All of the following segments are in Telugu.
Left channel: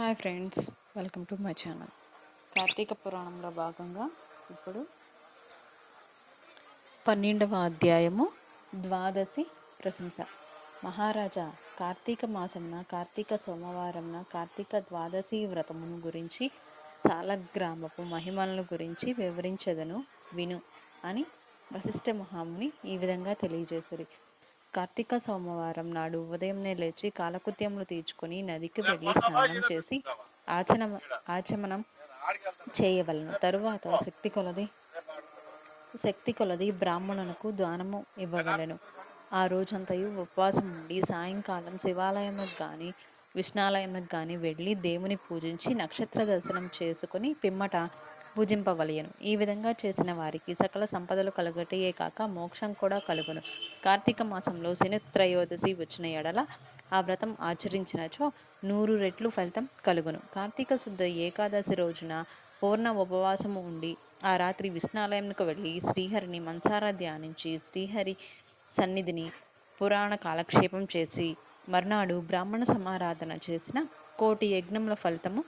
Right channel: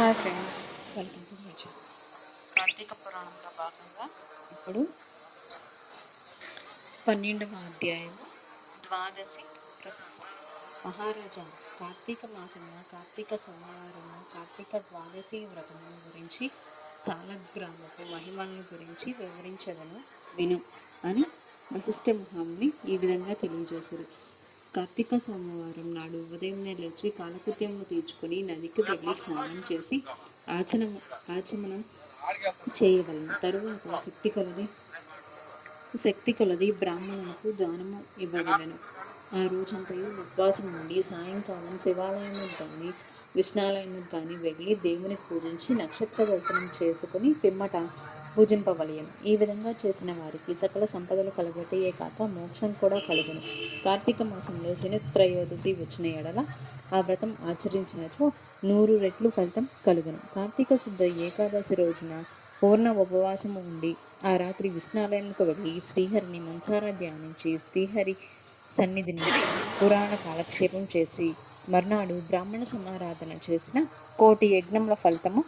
Hi friends, welcome to my channel. Karthika పురాణంలో భాగంగా ఇప్పుడు 12వ అధ్యాయము ద్వాదశి ప్రశంస. మహారాజా, కార్తీక మాసంన కార్తీక సోమవారంన కార్తీక ద్వాదశి వ్రతమును గురించి సాలగ్రామపు మహిమలను గురించి వివరించదను విను అని వశిష్ఠ మహాముని ఈ విధంగా తెలియజేసిరి. కార్తీక సోమవారం నాడు ఉదయంనే లేచి కాలకృత్యములు తీర్చుకుని నదికి వెళ్ళి స్నానం చేసి ఆచమనం చేయవలను. తరువాత శక్తి కొలది బ్రాహ్మణులకు దానము ఇవ్వవలను. ఆ రోజంతయు ఉపవాసం ఉండి సాయంకాలం శివాలయముకు కానీ విష్ణాలయముకు కానీ వెళ్ళి దేవుని పూజించి నక్షత్ర దర్శనం చేసుకుని పిమ్మట పూజింపవలయను. ఈ విధంగా చేసిన వారికి సకల సంపదలు కలుగటయే కాక మోక్షం కూడా కలుగును. కార్తీక మాసంలో శని త్రయోదశి వచ్చిన ఎడల ఆ వ్రతం ఆచరించినచో 100 రెట్లు ఫలితం కలుగును. కార్తీక శుద్ధ ఏకాదశి రోజున పూర్ణ ఉపవాసము ఉండి ఆ రాత్రి విష్ణాలయంకు వెళ్ళి శ్రీహరిని మనసారా ధ్యానించి శ్రీహరి సన్నిధిని పురాణ కాలక్షేపం చేసి మర్నాడు బ్రాహ్మణ సమారాధన చేసిన 1,000,000 యజ్ఞముల ఫలితము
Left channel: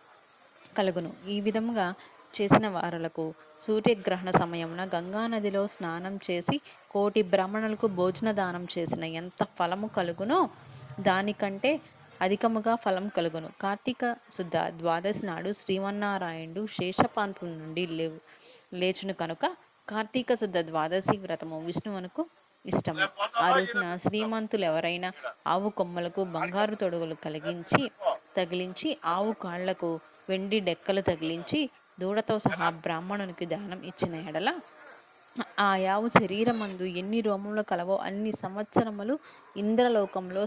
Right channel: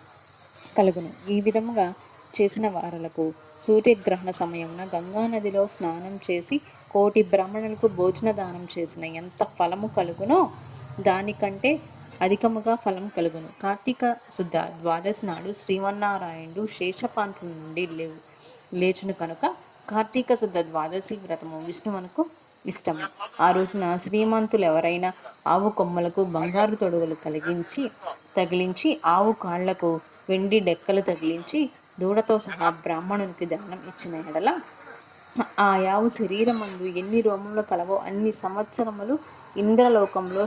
కలుగును. ఈ విధముగా చేసిన వారలకు సూర్యగ్రహణ సమయమున గంగానదిలో స్నానం చేసి 1,000,000 బ్రాహ్మణులకు భోజన దానం చేసిన ఎంత ఫలము కలుగునో దానికంటే అధికముగా ఫలం కలుగును. కార్తీక శుద్ధ ద్వాదశి నాడు శ్రీమన్నారాయణుడు శేషపాంతం నుండి లేచును కనుక కార్తీక శుద్ధ ద్వాదశి వ్రతము విష్ణువునకు ఇష్టము. ఆ రోజున శ్రీమంతులు ఎవరైనా ఆవు కొమ్మలకు బంగారు తొడుగులు తగిలించి ఆవు కాళ్లకు వెండి డెక్కలు తగిలించి దూడతో సహా బ్రాహ్మణునికి దానం ఇచ్చిన ఎడల ఆ యావు శరీరమందు ఎన్ని రోమములు కలవో అన్ని సంవత్సరములు ఇంద్రలోకంలో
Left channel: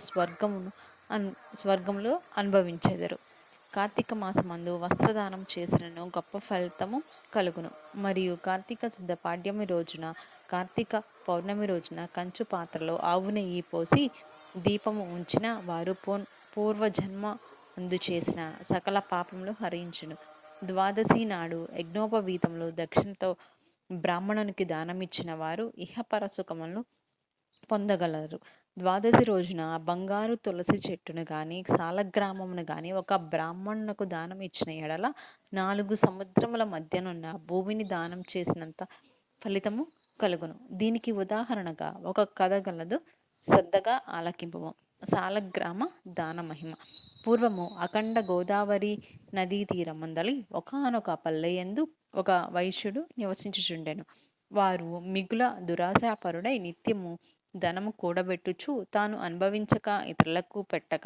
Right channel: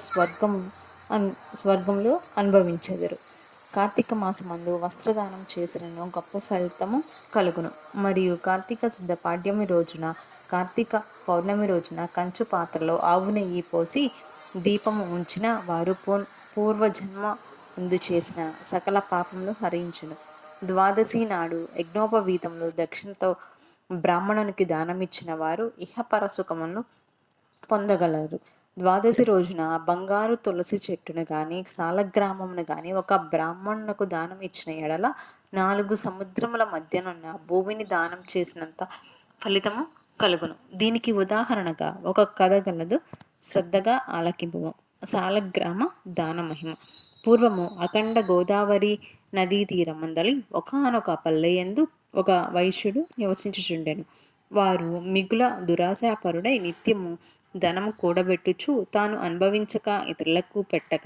స్వర్గంలో అనుభవించెదరు. కార్తీక మాసమందు వస్త్రదానం చేసినను గొప్ప ఫలితము కలుగును. మరియు కార్తీక శుద్ధ పాడ్యమి రోజున కార్తీక పౌర్ణమి రోజున కంచు పాత్రలో ఆవు నెయ్యి పోసి దీపము ఉంచిన వారు పూర్వజన్మ ముందు చేసిన సకల పాపములు హరించును. ద్వాదశి నాడు యజ్ఞోపవీతంలో దక్షిణతో బ్రాహ్మణునికి దానమిచ్చిన వారు ఇహపర సుఖములను పొందగలరు. ద్వాదశి రోజున బంగారు తులసి చెట్టును గాని సాలగ్రామమును గాని ఒక బ్రాహ్మణునకు దానం ఇచ్చిన ఎడల 4 సముద్రముల మధ్యనున్న భూమిని దానం చేసినంత ఫలితము కలుగును. దీనికి ఉదాహరణగా ఒక కథ గలదు, శ్రద్ధగా ఆలకింపుము. సాలగ్రామ దాన మహిమ. పూర్వము అఖండ గోదావరి నదీ తీరమందలి ఒకానొక పల్లెయందు ఒక వైశ్యుడు నివసించుచుండెను. వారు మిగుల దురాశాపరుడై నిత్యము ధనము కూడబెట్టుచు తాను అనుభవించక ఇతరులకు పెట్టక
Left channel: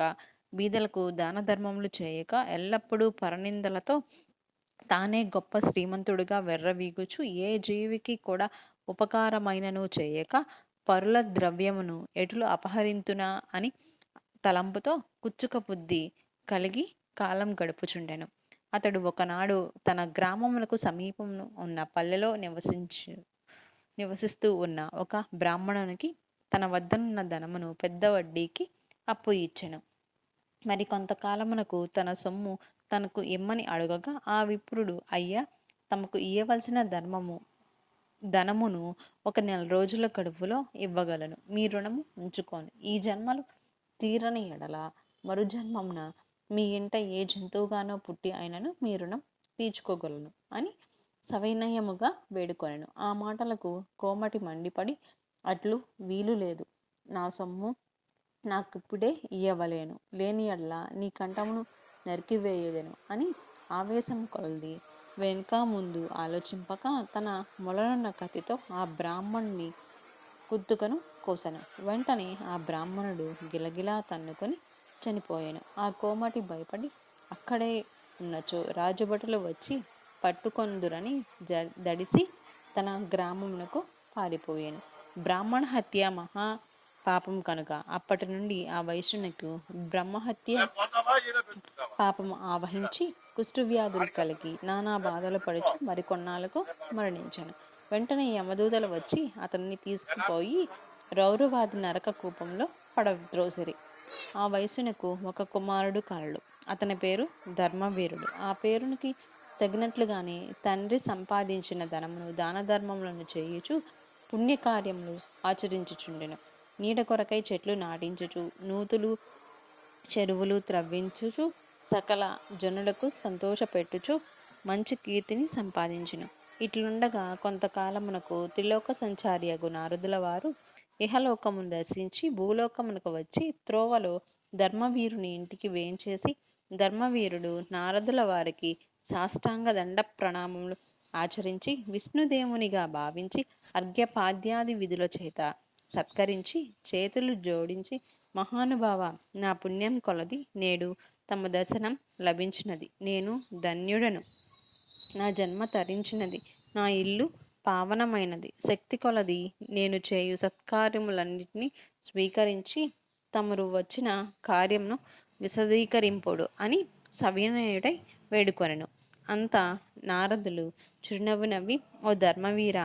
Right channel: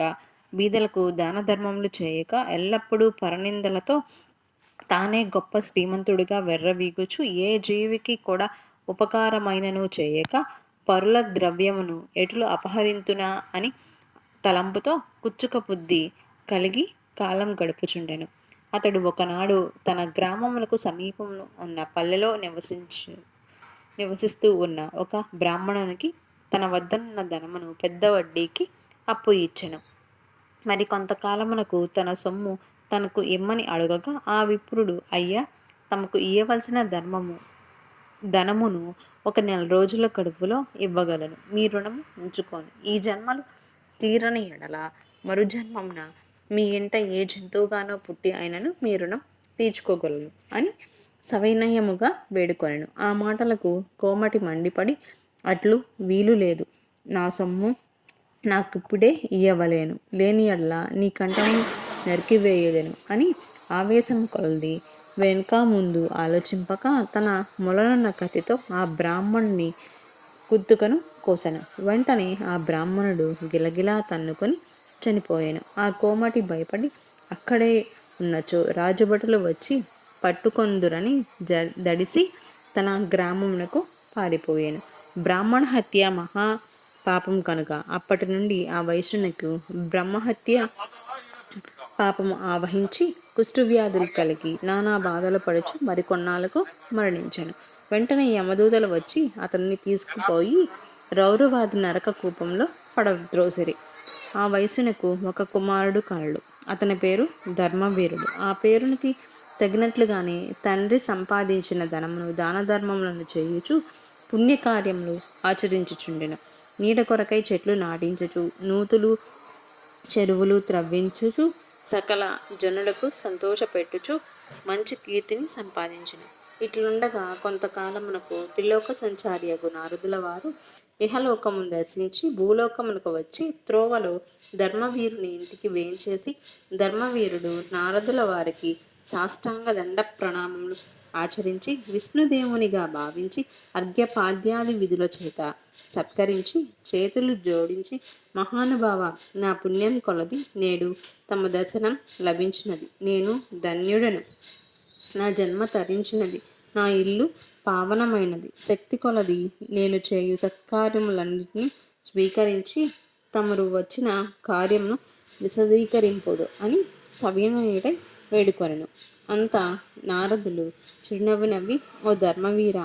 బీదలకు దాన ధర్మములు చేయక ఎల్లప్పుడూ పరనిందలతో తానే గొప్ప శ్రీమంతుడిగా వెర్రవీగుచు ఏ జీవికి కూడా ఉపకారమైనను చేయక పరుల ద్రవ్యమును ఎటులు అపహరింతునా అని తలంపుతో కుచ్చుక బుద్ధి కలిగి కాలం గడుపుచుండెను. అతడు ఒకనాడు తన గ్రామములకు సమీపంలో ఉన్న పల్లెలో నివసిస్తూ ఉన్న ఒక బ్రాహ్మణునికి తన వద్దనున్న ధనమును పెద్ద వడ్డీకి అప్పు ఇచ్చెను. మరి కొంతకాలమునకు తన సొమ్ము తనకు ఇమ్మని అడగగా ఆ విప్రుడు, అయ్యా, తమకు ఇయ్యవలసిన ధనమును 1 నెల రోజుల గడువులో ఇవ్వగలను. మీ రుణము ఉంచుకోను. ఈ జన్మలు తీరని ఎడల మరుజన్మమున మీ ఇంట ఏ జంతువుగానో పుట్టి అయినను మీ రుణం తీర్చుకోగలను అని సవినయముగా వేడుకొనెను. ఆ మాటలకు కోమటి మండిపడి, అట్లు వీలు లేదు. నా సొమ్ము నాకిప్పుడే ఇయ్యవలేను. లేని ఎడల నీ కంఠము నరికివేయుదెను అని ఆవేశము కొలది వెనుక ముందు ఆలోచింపక తన మొలనున్న కత్తితో ఆ బ్రాహ్మణుని కుత్తుకను కోసెను. వెంటనే ఆ బ్రాహ్మణుడు గిలగిలా తన్నుకొని చనిపోయాను. ఆ కోమటి భయపడి అక్కడే ఉన్నచో రాజభటులు వచ్చి పట్టుకొందురని దడిసి తన గ్రామమునకు పారిపోయాను. బ్రాహ్మణ హత్య మహా పాపం కనుక అప్పటి నుండి ఆ వైశ్యునికి బ్రహ్మహత్య పాపము ఆవహించి కుష్ఠవ్యాధులు కలిగి నానా బాధలు పడుచు మరికొన్నాళ్లకు మరణించాను. వెంటనే యమదూతలు వచ్చి అతన్ని తీసుకుపోయి రౌరవాది నరక కూపంలో పడద్రోసిరి. ఆ వైశ్యునకు ఒక కుమారుడు కలడు. అతని పేరు ధర్మవీరుడు. ఆ పేరునికి తగినట్లుగానే తండ్రి సంపాదించిన ధనమును దాన ధర్మములను చేయుచు పుణ్యకార్యములు ఆచరించుచుండెను. నీడ కొరకై చెట్లు నాటించుచు నూతులు చెరువులు త్రవ్వించుచు సకల జనులకు సంతోషపెట్టుచు మంచి కీర్తిని సంపాదించును. ఇట్లుండగా కొంతకాలమునకు త్రిలోక సంచారియగు నారదుల వారు ఇహలోకమును దర్శించి భూలోకమునకు వచ్చి త్రోవలో ధర్మవీరుని ఇంటికి వేంచేసి ధర్మవీరుడు నారదుల వారికి సాష్టాంగ దండ ప్రణామములు ఆచరించి విష్ణుదేవునిగా భావించి అర్ఘ్యపాద్యాది విధుల చేత సత్కరించి చేతులు జోడించి మహానుభావ, నా పుణ్యం కొలది నేడు తమ దర్శనం లభించినది. నేను ధన్యుడను. నా జన్మ తరించినది. నా ఇల్లు పావనమైనది. శక్తి కొలది నేను చేయు సత్కార్యములన్నిటినీ స్వీకరించి తమరు వచ్చిన కార్యమును విశదీకరింపుడు అని సవినయుడై వేడుకొనెను. అంతా నారదులు చిరునవ్వు నవ్వి, ఓ ధర్మవీర,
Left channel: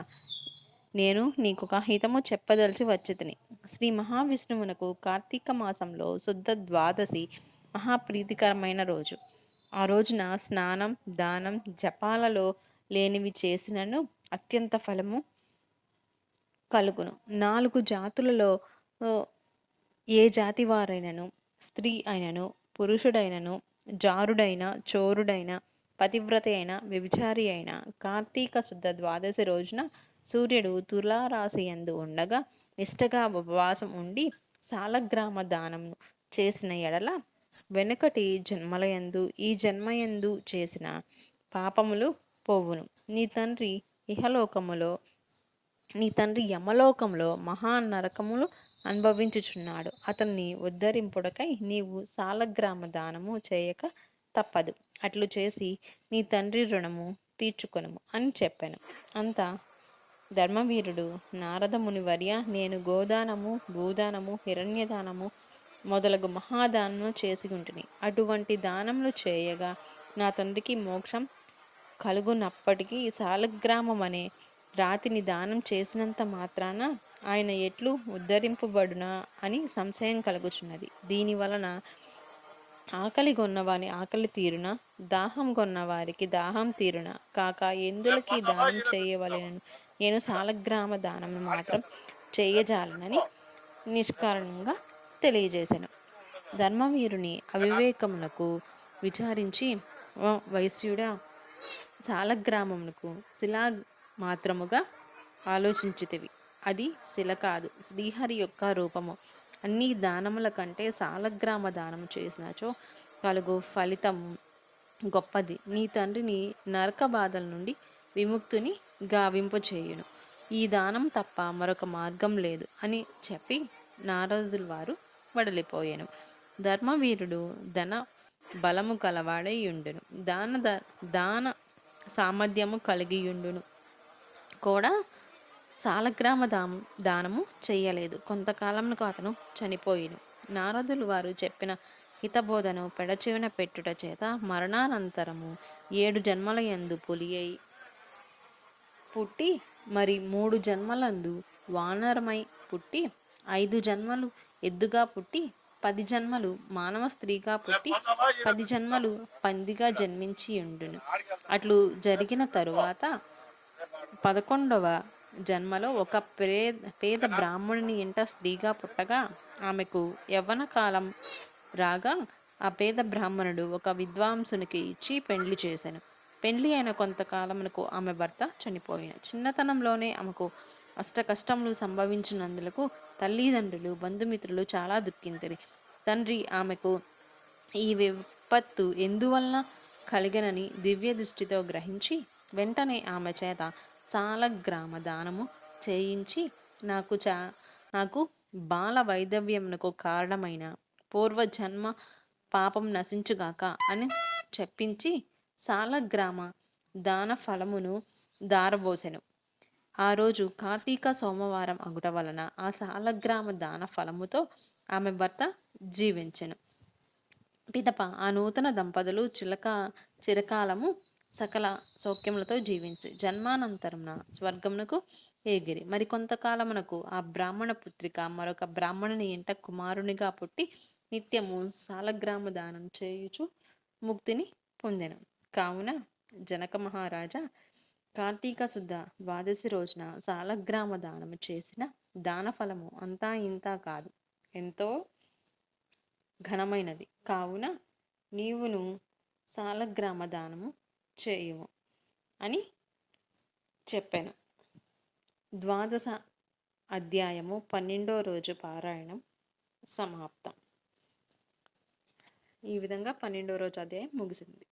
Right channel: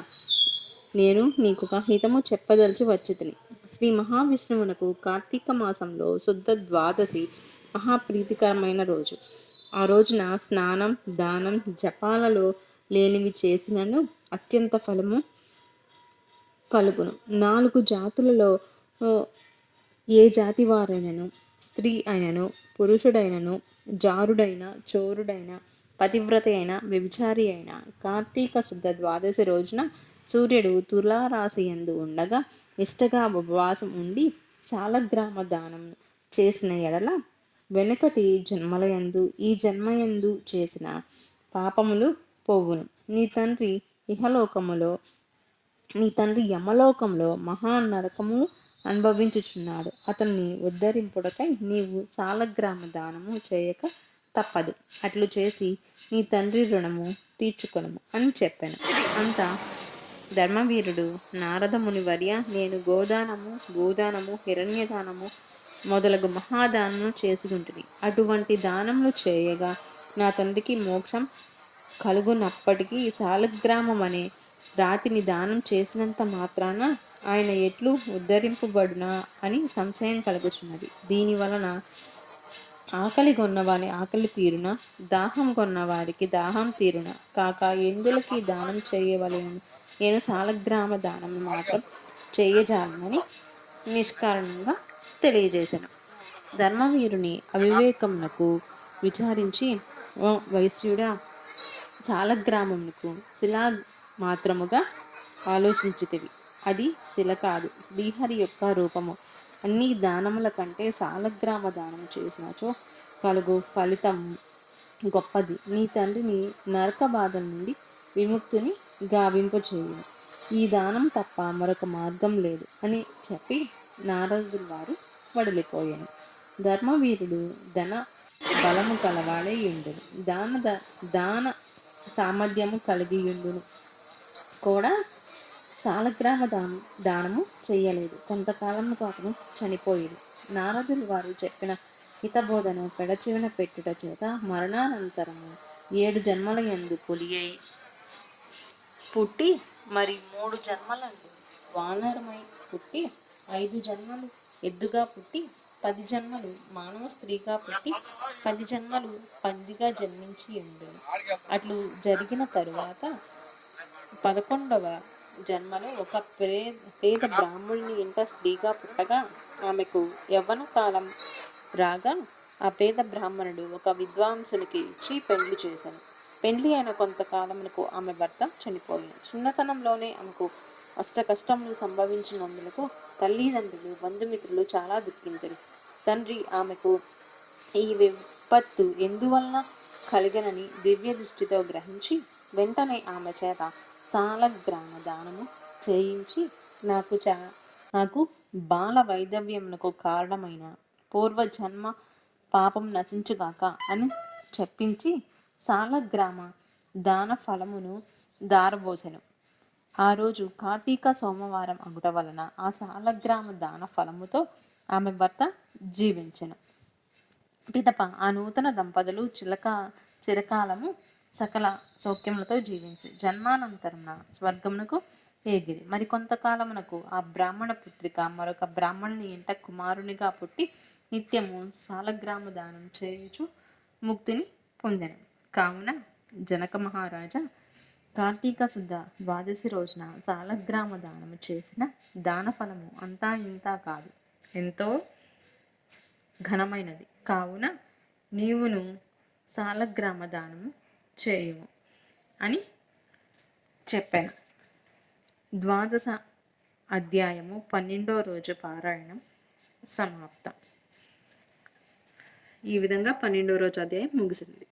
నేను నీకొక హితము చెప్పదలిచి వచ్చితిని. శ్రీ మహావిష్ణువునకు కార్తీక మాసంలో శుద్ధ ద్వాదశి మహాప్రీతికరమైన రోజు. ఆ రోజున స్నానం, దానం, జపాలలో లేనివి చేసినను అత్యంత ఫలము కలుగును. 4 జాతులలో ఏ జాతి వారైనను, స్త్రీ అయినను, పురుషుడైనను, జారుడైన, చోరుడైన, పతివ్రత అయిన, వ్యభిచారి అయిన కార్తీక శుద్ధ ద్వాదశి రోజున సూర్యుడు తులారాశి యందు ఉండగా నిష్టగా ఉపవాసం ఉండి సాలగ్రామ దానము చేసిన ఎడల వెనుకటి జన్మలయందు ఈ జన్మయందు చేసిన పాపములు పోవును. నీ తండ్రి యమలోకములో మహా నరకములు అనుభవించుచున్నాడు. అతన్ని ఉద్ధరింపుడకై నీవు సాలగ్రామ దానము చేయక తప్పదు. అట్లు చేసి నీ తండ్రి రుణము తీర్చుకొనుము అని చెప్పాను. అంతా ధర్మవీరుడు, నారద మునివర్య, నేను గోదానము, భూదానము, హిరణ్యదానము మొదలగు మహాదానము చేసి ఉంటిని. అటువంటి దానములు చేయగా నా తండ్రికి మోక్షం కలుగునప్పటికీ సాలగ్రామం అనే రాతిని దానం చేసినంత మాత్రాన ఆయన ఎట్లు ఉద్ధరింపబడునా అని సంశయం కలుగుచున్నది. దీని వలన ఆకలి కొన్నవారి ఆకలి తీరున, దాహం కొన్న వారికి దాహం తీరున కాక ఎందులకి దానం చేయవలెనని నేను సాలగ్రామ దానం మాత్రం చేయజాలనని నిష్కారణంగా తెలియజేశాను. ధర్మవీరుని అవివేకమునకు విచారించి, ఓ వైశ్యుడా, సాలగ్రామమునకు శిలా మాత్రముగా ఆలోచించితివి. అది శిల కాదు, శ్రీహరి యొక్క రూపము. అన్ని దానముల కంటే సాలగ్రామ దానము చేసినచో కలుగు ఫలితం గొప్పది. నీ తండ్రిని నరక బాధల నుండి విముక్తుని గావింపచేయును. ఈ దానం తప్ప మరొక మార్గం లేదు అని చెప్పి నారదుల వారు వడిలిపోయాను. ధర్మవీరుడు ధన బలము కలవాడై ఉండును, దాన సామర్థ్యము కలిగియుండును కూడా సాలగ్రామ దానము చేయలేదు. కొంతకాలంకు అతను చనిపోయిను. నారదులు వారు చెప్పిన హితబోధను పెడచెవిన పెట్టుట చేత మరణానంతరము 7 జన్మల యందు పులి అయి పుట్టి, మరి 3 జన్మలందు వానరమై పుట్టి, 5 జన్మలు ఎద్దుగా పుట్టి, 10 జన్మలు మానవ స్త్రీగా పుట్టి, 10 జన్మలు పందిగా జన్మించి ఉండును. అట్లు జరిగిన తరువాత 11వ జన్మలో ఒక పేద బ్రాహ్మణుని ఇంట స్త్రీగా పుట్టగా ఆమెకు యవ్వన కాలం రాగా ఆ పేద బ్రాహ్మణుడు ఒక విద్వాంసునికి ఇచ్చి పెండ్లి చేశాను. పెండ్లి అయిన కొంతకాలమునకు ఆమె భర్త చనిపోయాను. చిన్నతనంలోనే ఆమెకు అష్ట కష్టములు సంభవించినందులకు తల్లిదండ్రులు, బంధుమిత్రులు చాలా దుఃఖించిరి. తండ్రి ఆమెకు ఈ విపత్తు ఎందువల్ల కలిగనని దివ్య దృష్టితో గ్రహించి వెంటనే ఆమె చేత సాలగ్రామ దానము చేయించి నాకు బాల వైధవ్యమునకు కారణమైన పూర్వజన్మ పాపం నశించుగాక అని చెప్పించి సాలగ్రామ దాన ఫలమును దారబోసెను. ఆ రోజు కార్తీక సోమవారం అగుట వలన ఆ సాలగ్రామ దాన ఫలముతో ఆమె భర్త జీవించెను. పిదప ఆ నూతన దంపతులు చిరకాలము సకల సౌఖ్యములతో జీవించి జన్మానంతరమున స్వర్గమునకు ఏగిరి. మరి కొంతకాలమునకు ఆ బ్రాహ్మణ పుత్రిక మరొక బ్రాహ్మణుని ఇంట కుమారునిగా పుట్టి నిత్యము సాలగ్రామ దానం చేయుచు ముక్తిని పొందెను. కావున జనక మహారాజా, కార్తీక శుద్ధ ద్వాదశి రోజున సాలగ్రామ దానము చేసిన దాన ఫలము అంతా ఇంతా కాదు, ఎంతో ఘనమైనది. కావున నీవును సాలగ్రామ దానము చేయుము అని చెప్పాను. ద్వాదశ అధ్యాయము 12వ రోజు పారాయణం సమాప్తం. ఈ విధంగా 12వ రోజు అధ్యాయం ముగిసింది.